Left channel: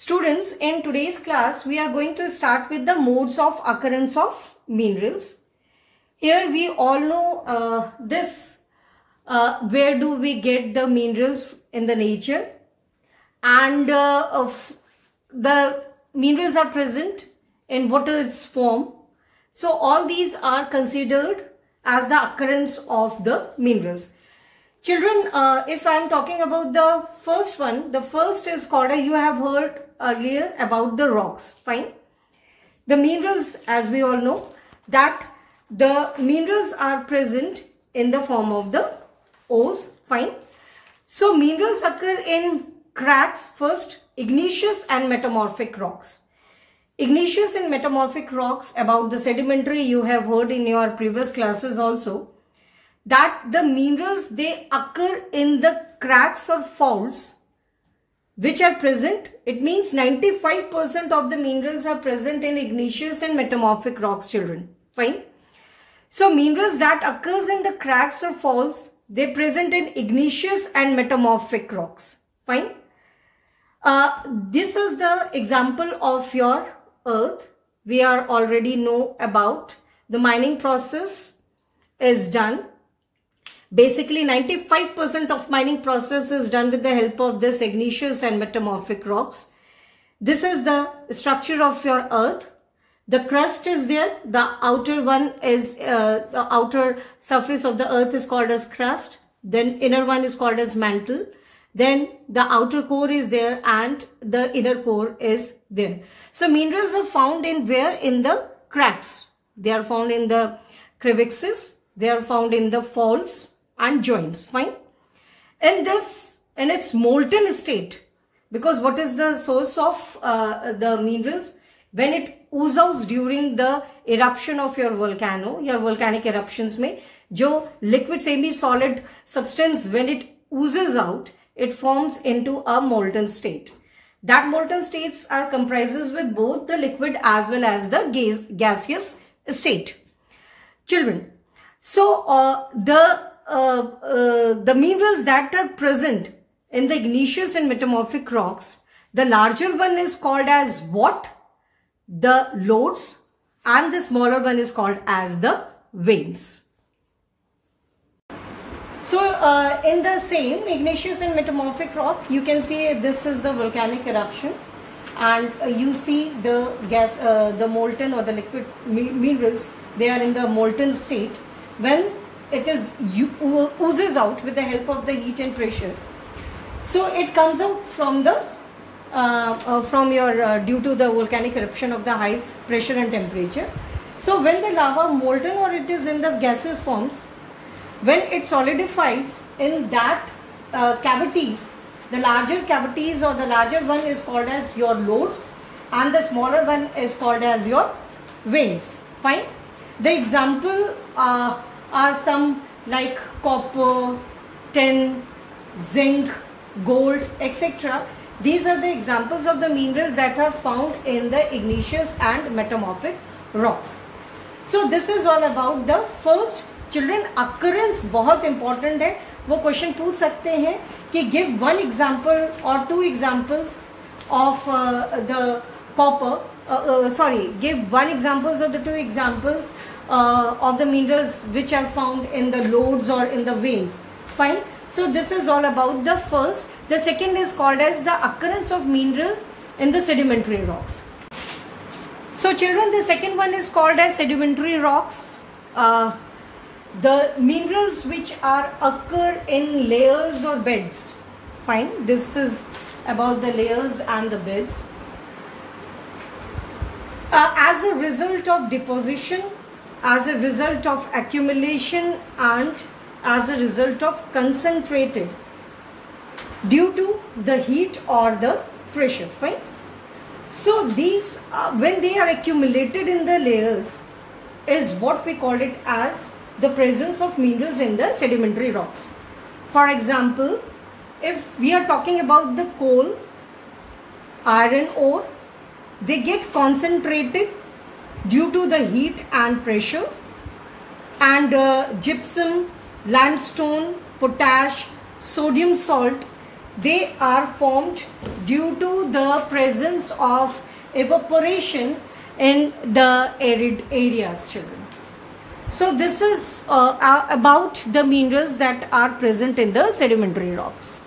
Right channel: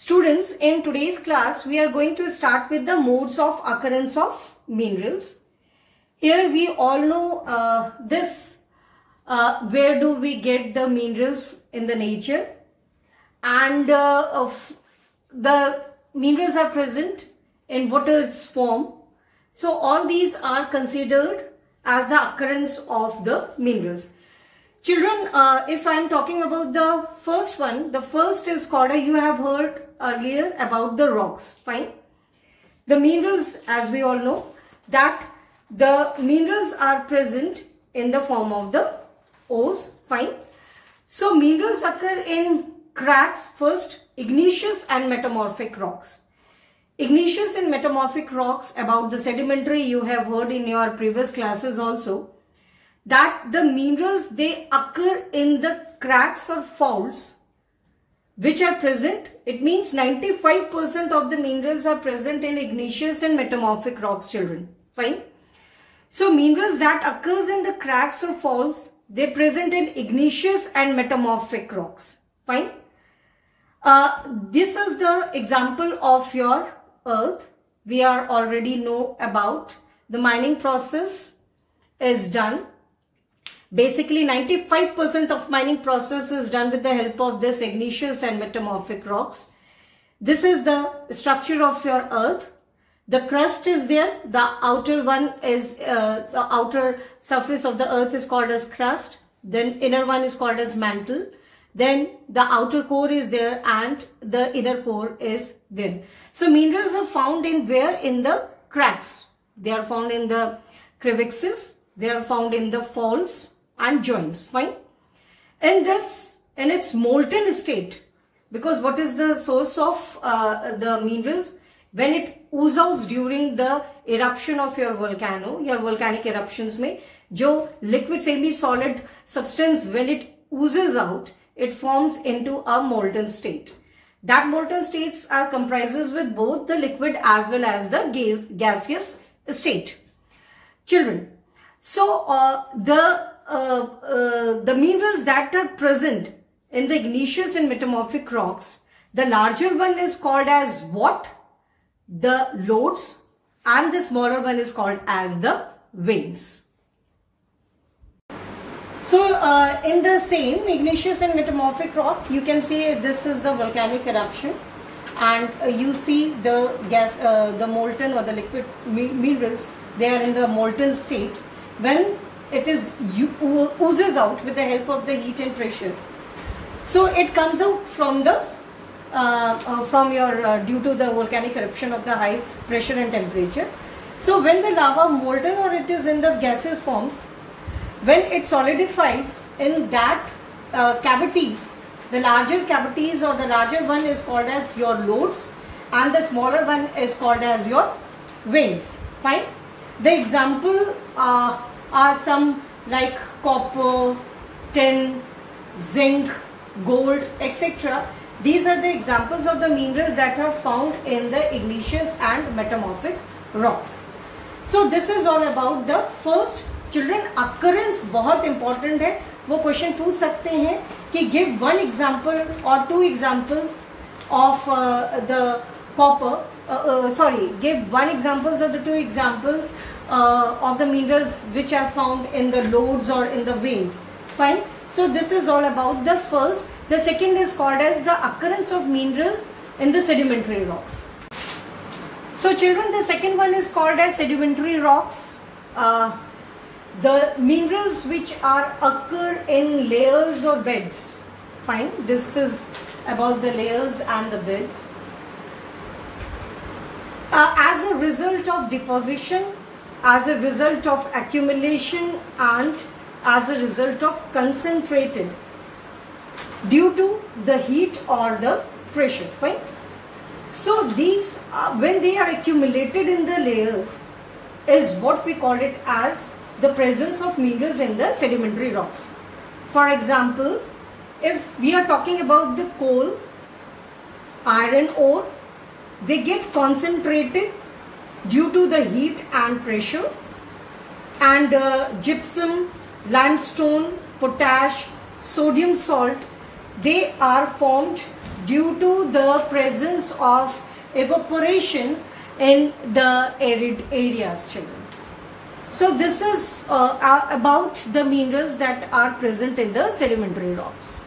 Students, in today's class, we are going to start with the modes of occurrence of minerals. Here we all know where do we get the minerals in the nature, and the minerals are present in what its form. So all these are considered as the occurrence of the minerals. Children, if I am talking about the first one, the first is called, you have heard earlier about the rocks, fine. The minerals, as we all know, that the minerals are present in the form of the ores, fine. So minerals occur in cracks, first igneous and metamorphic rocks. Igneous and metamorphic rocks, about the sedimentary you have heard in your previous classes also, that the minerals, they occur in the cracks or faults which are present. It means 95% of the minerals are present in igneous and metamorphic rocks, children, fine. So minerals that occurs in the cracks or faults, they present in igneous and metamorphic rocks, fine. This is the example of your earth. We are already know about the mining process is done. Basically 95% of mining process is done with the help of this igneous and metamorphic rocks. This is the structure of your earth. The crust is there. The outer one is, the outer surface of the earth is called as crust. Then inner one is called as mantle. Then the outer core is there and the inner core is there. So minerals are found in where? In the cracks. They are found in the crevices. They are found in the faults and joints, fine. In this, in its molten state, because what is the source of the minerals? When it oozes out during the eruption of your volcano, your volcanic eruptions में जो liquid semi-solid substance, when it oozes out, it forms into a molten state. That molten states are comprises with both the liquid as well as the gaseous state. Children, so the minerals that are present in the igneous and metamorphic rocks, the larger one is called as what? The lodes, and the smaller one is called as the veins. So in the same igneous and metamorphic rock, you can see this is the volcanic eruption, and you see the gas, the molten or the liquid minerals, they are in the molten state. When it is oozes out with the help of the heat and pressure, so it comes out from the due to the volcanic eruption of the high pressure and temperature. So when the lava molten or it is in the gaseous forms, when it solidifies in that cavities, the larger cavities or the larger one is called as your lodes, and the smaller one is called as your veins, fine. The example are some like copper, tin, zinc, gold, etc. These are the examples of the minerals that are found in the igneous and metamorphic rocks. So this is all about the first. Children, occurrence बहुत important है. वो question पूछ सकते हैं कि give one example or two examples of the copper. Give one examples or the two examples of the minerals which are found in the lodes or in the veins. Fine. So this is all about the first. The second is called as the occurrence of mineral in the sedimentary rocks. So children, the second one is called as sedimentary rocks. The minerals which are occur in layers or beds. Fine. This is about the layers and the beds. As a result of deposition, as a result of accumulation, and as a result of concentrated due to the heat or the pressure, fine. So these, when they are accumulated in the layers, is what we call it as the presence of minerals in the sedimentary rocks. For example, if we are talking about the coal, iron ore, they get concentrated due to the heat and pressure, and gypsum, limestone, potash, sodium salt, they are formed due to the presence of evaporation in the arid areas, children. So this is about the minerals that are present in the sedimentary rocks.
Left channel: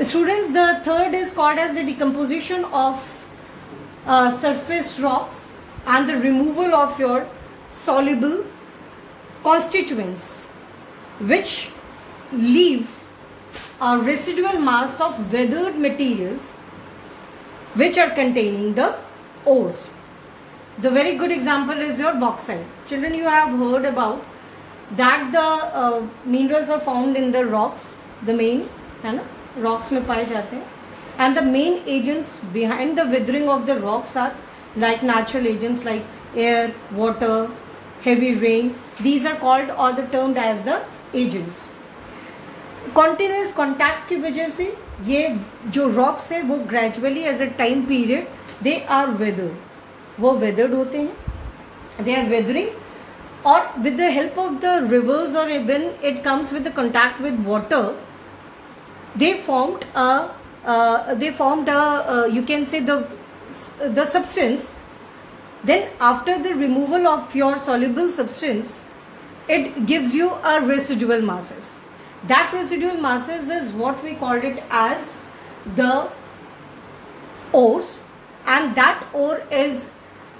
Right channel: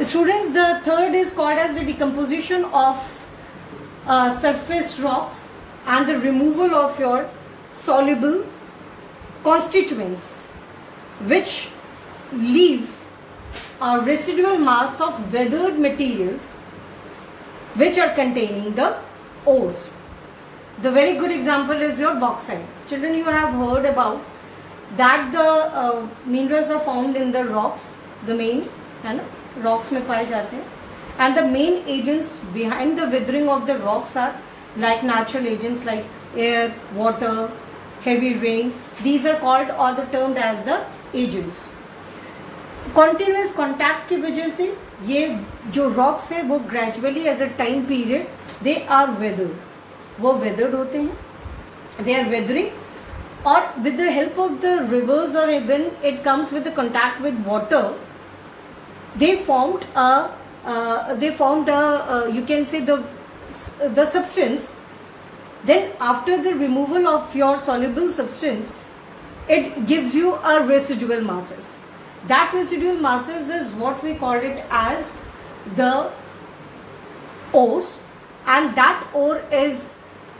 Students, the third is called as the decomposition of surface rocks and the removal of your soluble constituents, which leave a residual mass of weathered materials which are containing the ores. The very good example is your bauxite. Children, you have heard about that the minerals are found in the rocks, the main है ना, rocks में पाए जाते हैं, and the main agents behind the withering of the rocks are like natural agents like air, water, heavy rain. These are called or the termed as the agents. Continuous contact की वजह से ये जो rocks है वो gradually as a time period they are weathered. वो weathered होते हैं, they are weathering, or with the help of the rivers or when it comes with the contact with water, they formed a you can say the substance. Then after the removal of your soluble substance, it gives you a residual masses. That residual masses is what we called it as the ores, and that ore is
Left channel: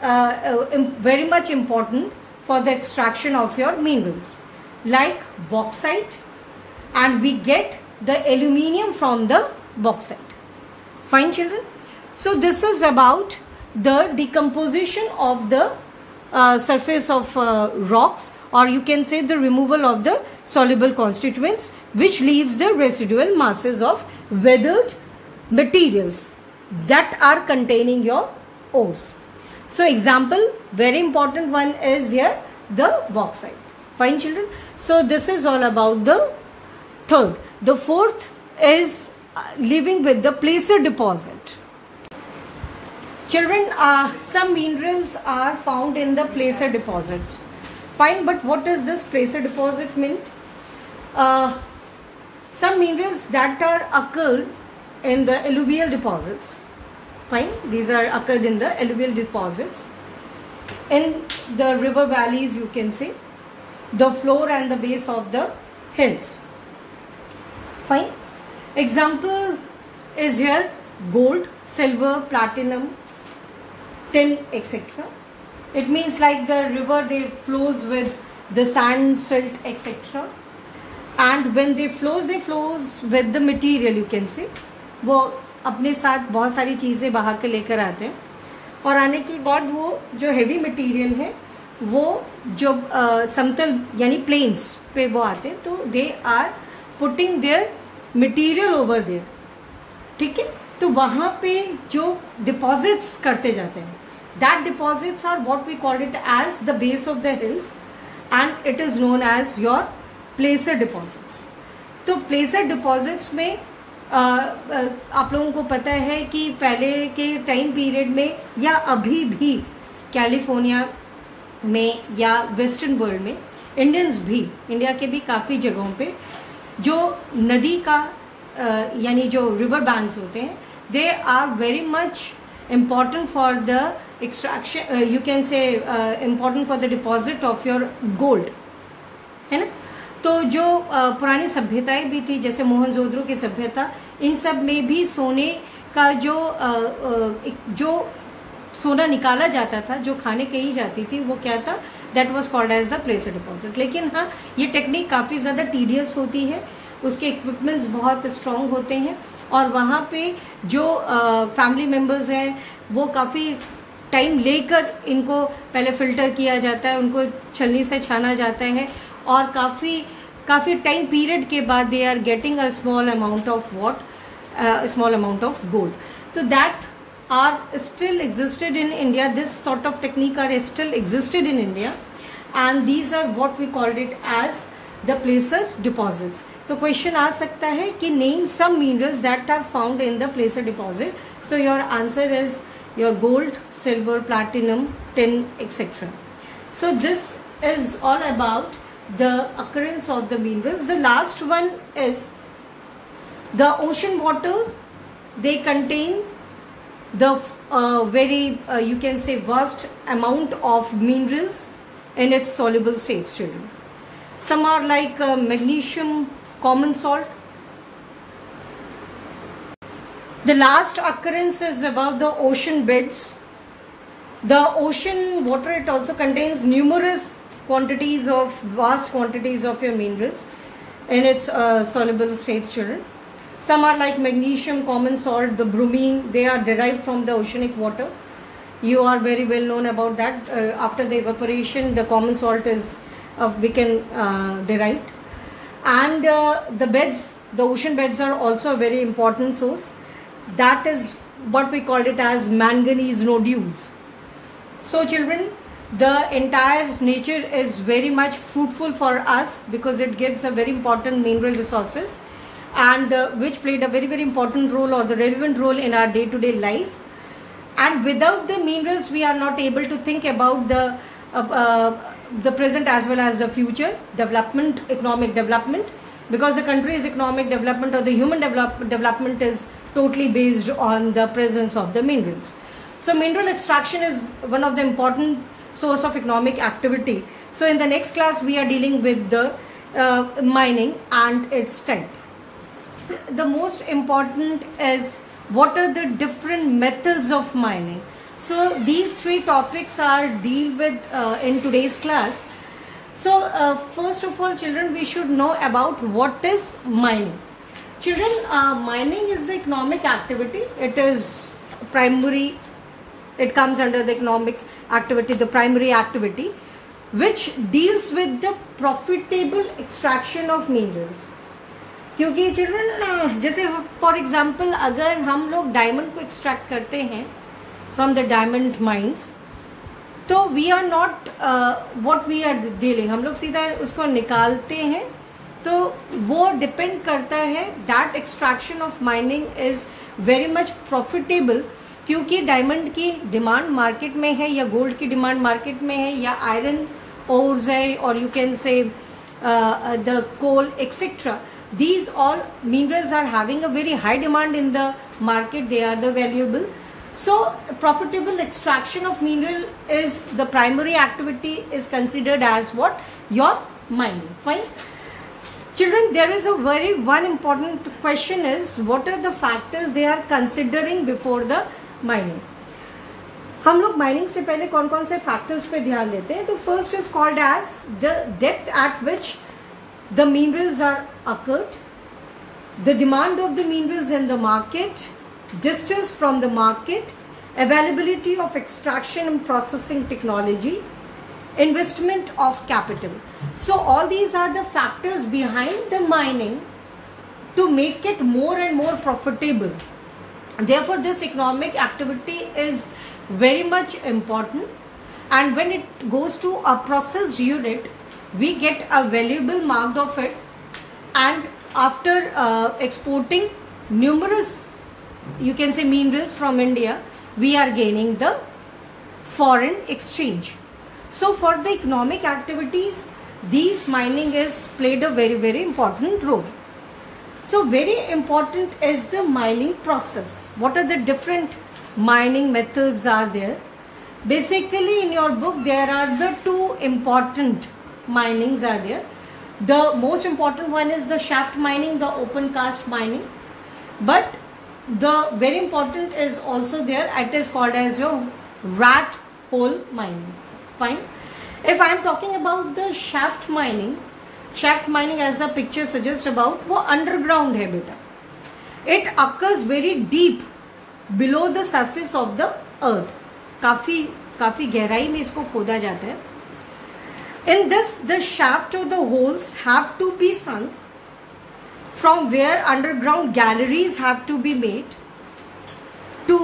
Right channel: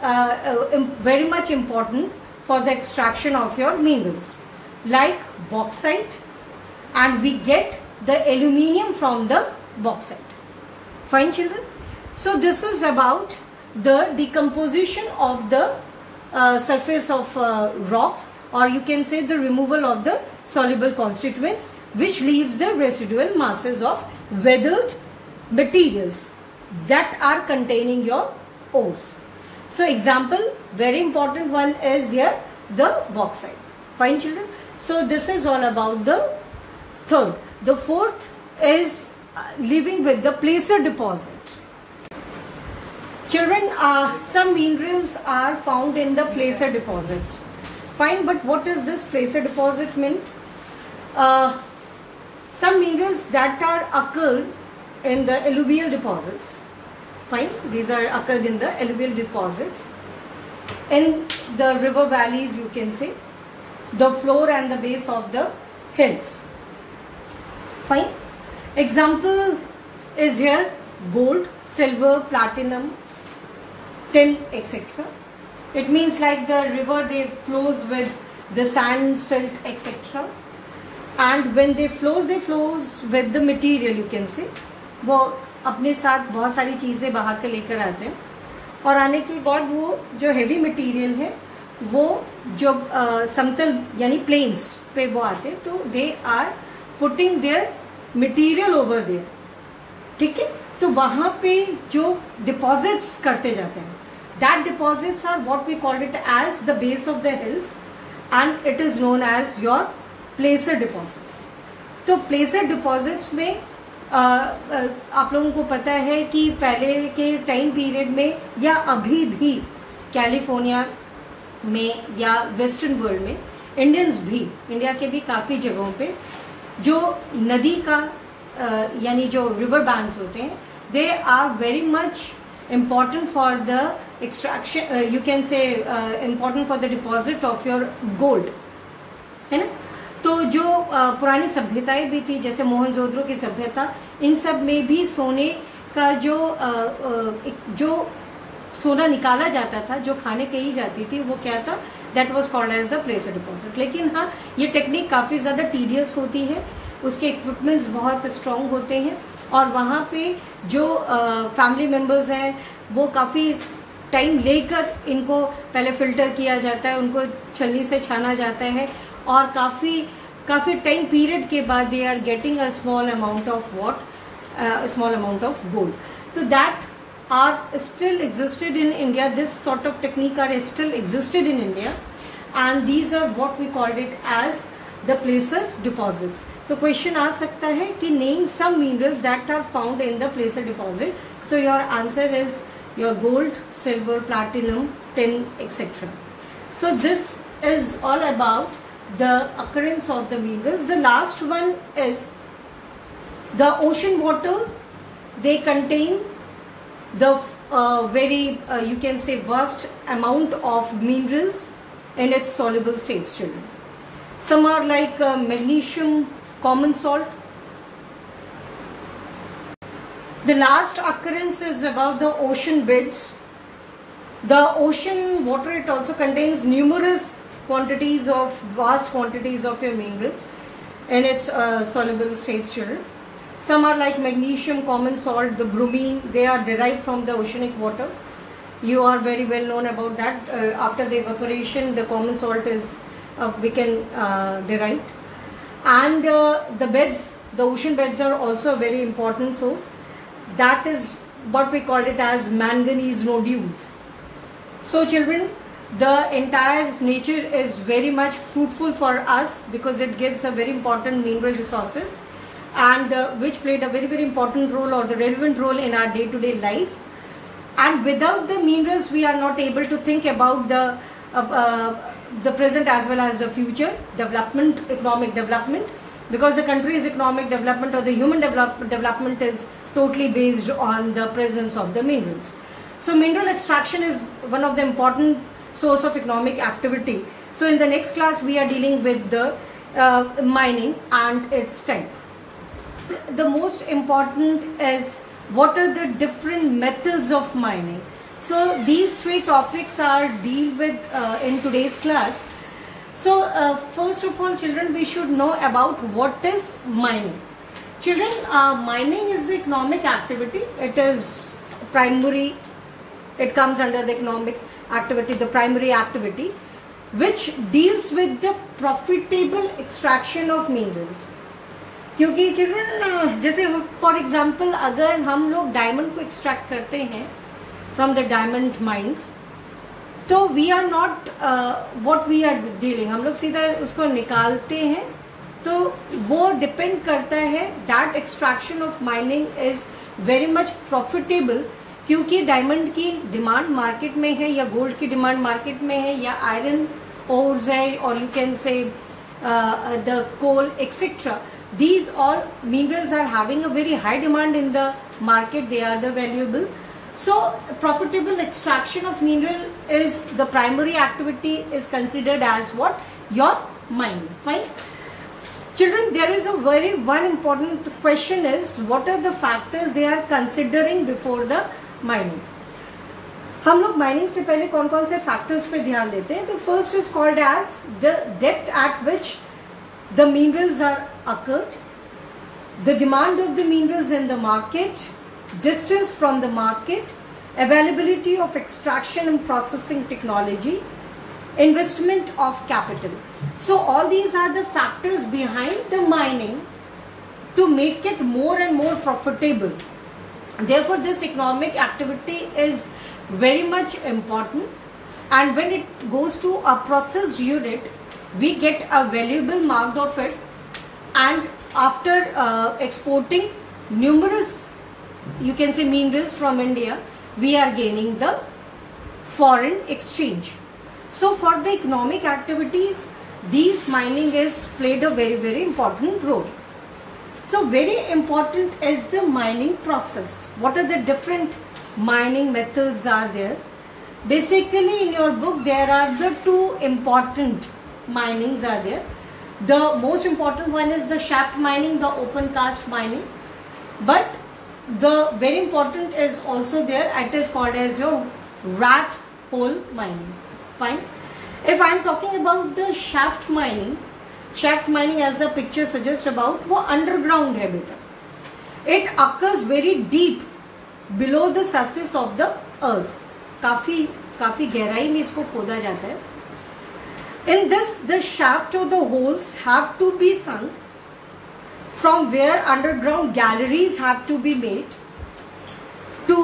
very much important for the extraction of your minerals like bauxite, and we get the aluminium from the bauxite. Fine, children. So this is about the decomposition of the surface of rocks, or you can say the removal of the soluble constituents, which leaves the residual masses of weathered materials that are containing your ores. So example, very important one is here the bauxite. Fine, children. So this is all about the third. The fourth is living with the placer deposit. Children, some minerals are found in the placer deposits. Fine, but what does this placer deposit mean? Some minerals that are occurred in the alluvial deposits. Fine, these are occurred in the alluvial deposits. In the river valleys, you can say, the floor and the base of the hills. Fine. Example is here gold, silver, platinum, tin, etc. It means like the river, they flows with the sand, silt, etc. And when they flows with the material, you can say. वो अपने साथ बहुत सारी चीजें बहा के लेकर आते हैं, और आने के बाद वो जो हेवी मटेरियल है वो जो समतल यानी प्लेन्स पे वो आते हैं, तो they are putting their material over there. ठीक है, तो वहां पे जो डिपॉजिट्स करते जाते हैं, that deposits are what we call it as the base of the hills, and it is known as your placer deposits. तो प्लेसर डिपॉजिट्स में आप लोगों को पता है कि पहले के टाइम पीरियड में या अभी भी कैलिफोर्निया में या वेस्टर्न वर्ल्ड में इंडियंस भी, इंडिया के भी काफी जगहों पे जो नदी का यानी जो रिवर बैंक्स होते हैं, they are very much important for the extraction, you can say important for the deposit of your gold, है ना. तो जो पुरानी सभ्यताएं भी थी, जैसे मोहनजोदड़ो की सभ्यता, इन सब में भी सोने का जो सोना निकाला जाता था, जो खाने कही जाती थी, वो क्या था, that was called as the placer deposit. लेकिन हाँ, ये टेक्निक काफी ज्यादा टीडियस होती है, उसके इक्विपमेंट्स बहुत स्ट्रांग होते हैं, और वहां पे जो फैमिली मेंबर्स हैं वो काफी टाइम लेकर इनको पहले फिल्टर किया जाता है, उनको छलनी से छाना जाता है, और काफी टाइम पीरियड के बाद they are getting a small amount of gold. तो that are still existed in India. This sort of technique are still existed in India, and these are what we called it as the placer deposits. तो question आ सकता है कि name some minerals that are found in the placer deposit. So your answer is your gold, silver, platinum, tin, etc. So this is all about the occurrence of the minerals. The last one is The ocean water, they contain the very you can say vast amount of minerals in its soluble states, children. Some are like magnesium, common salt. The last occurrence is about the ocean beds. The ocean water, it also contains numerous quantities of, vast quantities of your minerals in its soluble states, children. Some are like magnesium, common salt, the bromine, they are derived from the oceanic water. You are very well known about that. After the evaporation, the common salt is derived. And the beds, the ocean beds are also a very important source. That is what we call it as manganese nodules. So children, the entire nature is very much fruitful for us because it gives a very important mineral resources, and which played a very important role or the relevant role in our day-to-day life. And without the minerals, we are not able to think about the present as well as the future development, economic development, because the country's economic development or the human development is totally based on the presence of the minerals. So mineral extraction is one of the important source of economic activity. So in the next class, we are dealing with the mining and its type. The most important is what are the different methods of mining. So these three topics are dealt with in today's class. So first of all, children, we should know about what is mining. Children, mining is the economic activity. It is primary, it comes under the economic activity, the primary activity, which deals with the profitable extraction of minerals. क्योंकि children जैसे for example अगर हम लोग diamond को extract करते हैं from the diamond mines, तो we are not what we are dealing, हम लोग सीधा उसको निकालते हैं, तो वो डिपेंड करता है that extraction of mining is very much profitable, क्योंकि डायमंड की डिमांड मार्केट में है या गोल्ड की डिमांड मार्केट में है या आयरन ओर्स है और you can say the coal etcetera. These all minerals are having a very high demand in the market. They are the valuable. So profitable extraction of mineral is the primary activity, is considered as what? Your mining. Fine. Children, there is a one important question is what are the factors they are considering before the mining. हम लोग mining से पहले कौन कौन से factors पे ध्यान देते हैं. तो first is called as the depth at which the minerals are occurred, the demand of the minerals in the market, distance from the market, availability of extraction and processing technology, investment of capital. So all these are the factors behind the mining to make it more and more profitable. Therefore this economic activity is very much important, and when it goes to a processed unit, we get a valuable mark of it, and after exporting numerous, you can say, minerals from India, we are gaining the foreign exchange. So for the economic activities, these mining is played a very important role. So very important is the mining process. What are the different mining methods are there? Basically in your book there are the two important minings are there. The most important one is the shaft mining, the open cast mining, but the very important is also there. It is called as your rat hole mining. Fine. If I am talking about the shaft mining as the picture suggests about, वो underground है बेटा. It occurs very deep below the surface of the earth. काफी गहराई में इसको खोदा जाता है. In this, the shaft or the holes have to be sunk, from where underground galleries have to be made to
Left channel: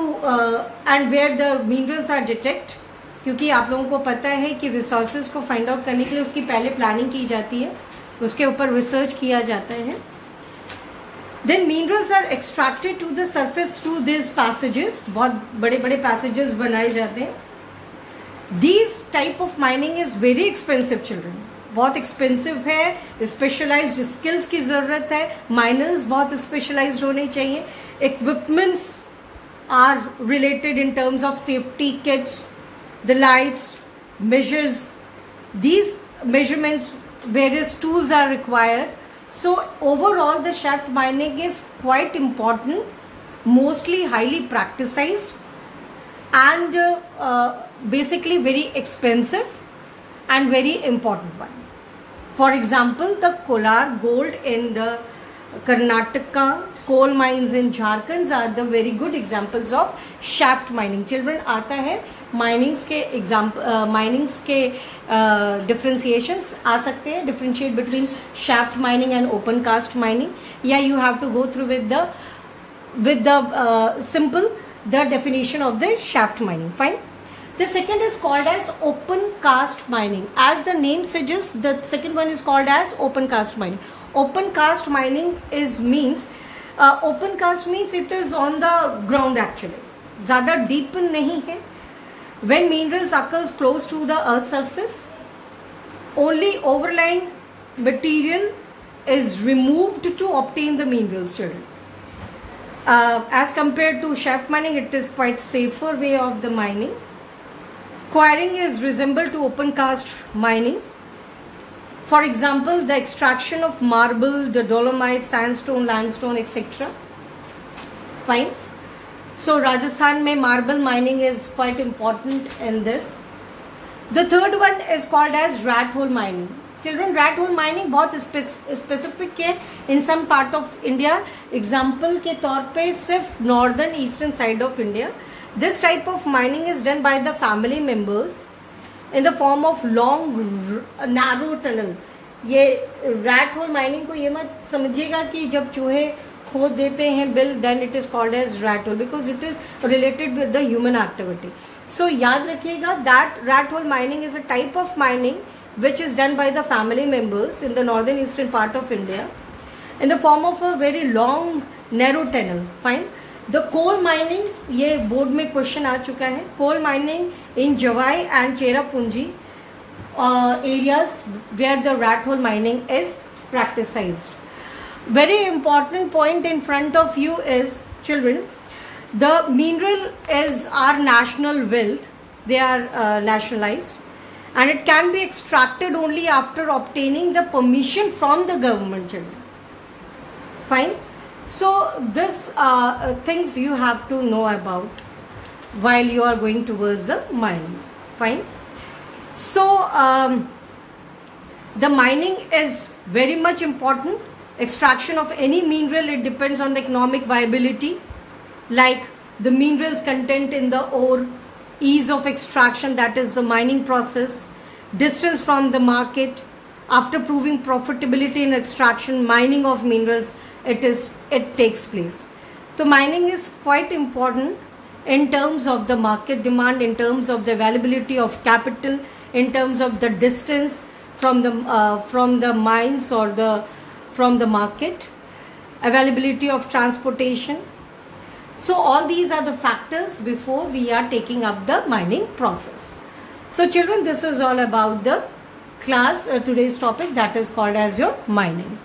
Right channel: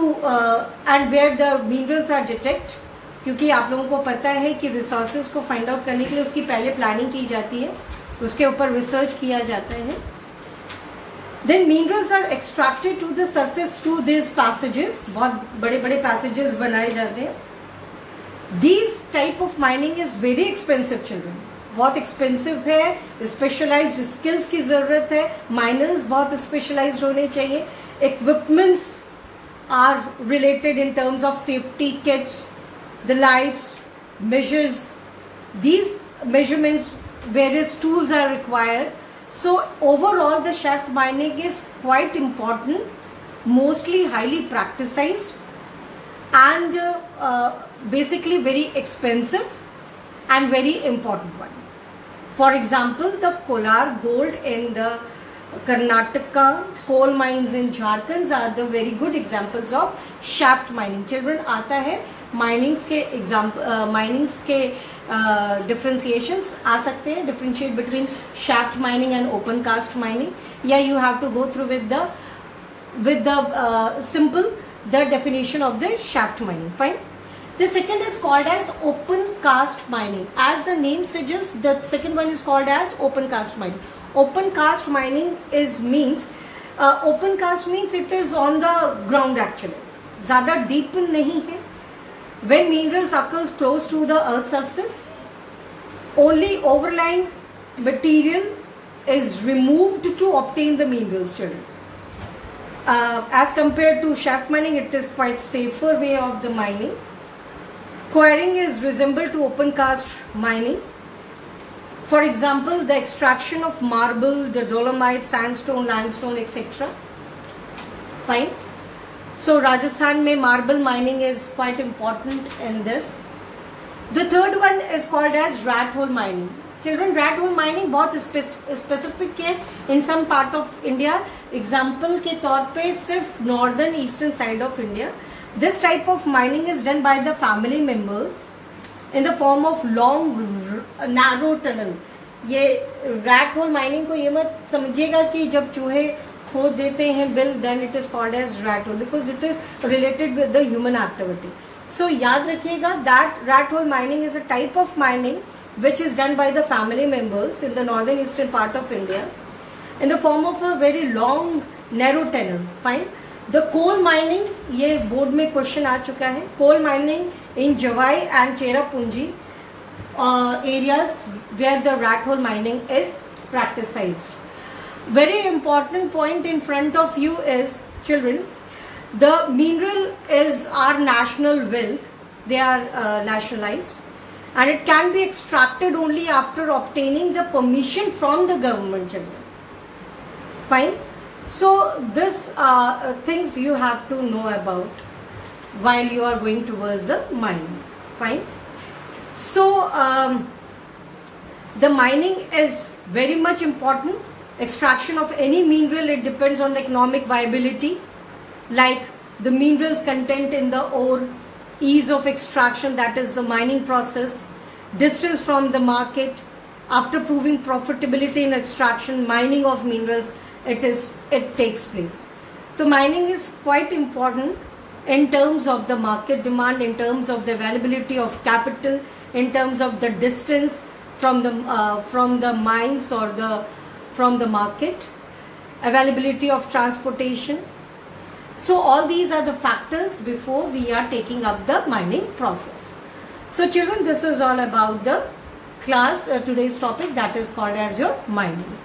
and where the minerals are detected. क्योंकि आप लोगों को पता है कि रिसोर्सेज को फाइंड आउट करने के लिए उसकी पहले प्लानिंग की जाती है, उसके ऊपर रिसर्च किया जाता है. Then minerals are extracted to the surface through these passages. बहुत बड़े पैसेजेस बनाए जाते हैं. These type of mining is very expensive children, बहुत एक्सपेंसिव है, स्पेशलाइज्ड स्किल्स की जरूरत है, माइनर्स बहुत स्पेशलाइज्ड होने चाहिए, equipments are related in terms of safety kits, the lights, measures, these measurements, various tools are required. So overall the shaft mining is quite important, mostly highly practiced and basically very expensive and very important one. For example, the Kolar gold in the Karnataka, coal mines in Jharkhand are the very good examples of shaft mining. Children, आता है minings के example, minings के differentiations आ सकते हैं, differentiate between shaft mining and open cast mining, या you have to go through with the simple the definition of the shaft mining. Fine. The second is called as open cast mining. As the name suggests, the second one is called as open cast mining. Open cast mining means open cast means it is on the ground actually. ज़्यादा deep नहीं है. When minerals occurs close to the earth surface, only overlying material is removed to obtain the minerals. As compared to shaft mining, it is quite safer way of the mining. Quarrying is resembled to open cast mining. For example, the extraction of marble, the dolomite, sandstone, limestone, etc. Fine. So Rajasthan mein marble mining is quite important in this. The third one is called as rat hole mining. Children, rat hole mining बहुत specific है in some part of India. Example के तौर पे सिर्फ northern eastern side of India. This type of mining is done by the family members in the form of long narrow tunnel. ये rat hole mining को ये मत समझिएगा कि जब चूहे खोद देते हैं bill, then it is called as rat hole because it is related with the human activity. So याद रखिएगा that rat hole mining is a type of mining which is done by the family members in the northern eastern part of India in the form of a very long narrow tunnel. Fine. The coal mining, ये board में question आ चुका है. Coal mining in Jawai and Cherrapunji areas where the rat hole mining is practiced. Very important point in front of you is, children, the mineral is our national wealth. They are nationalized and it can be extracted only after obtaining the permission from the government. Children. Fine. So this things you have to know about while you are going towards the mining. Fine. So the mining is very much important. Extraction of any mineral, it depends on the economic viability, like the minerals content in the ore, ease of extraction, that is the mining process, distance from the market. After proving profitability in extraction, mining of minerals, it takes place. So mining is quite important in terms of the market demand, in terms of the availability of capital, in terms of the distance from the mines or from the market, availability of transportation. So all these are the factors before we are taking up the mining process. So children, this is all about the class, today's topic, that is called as your mining.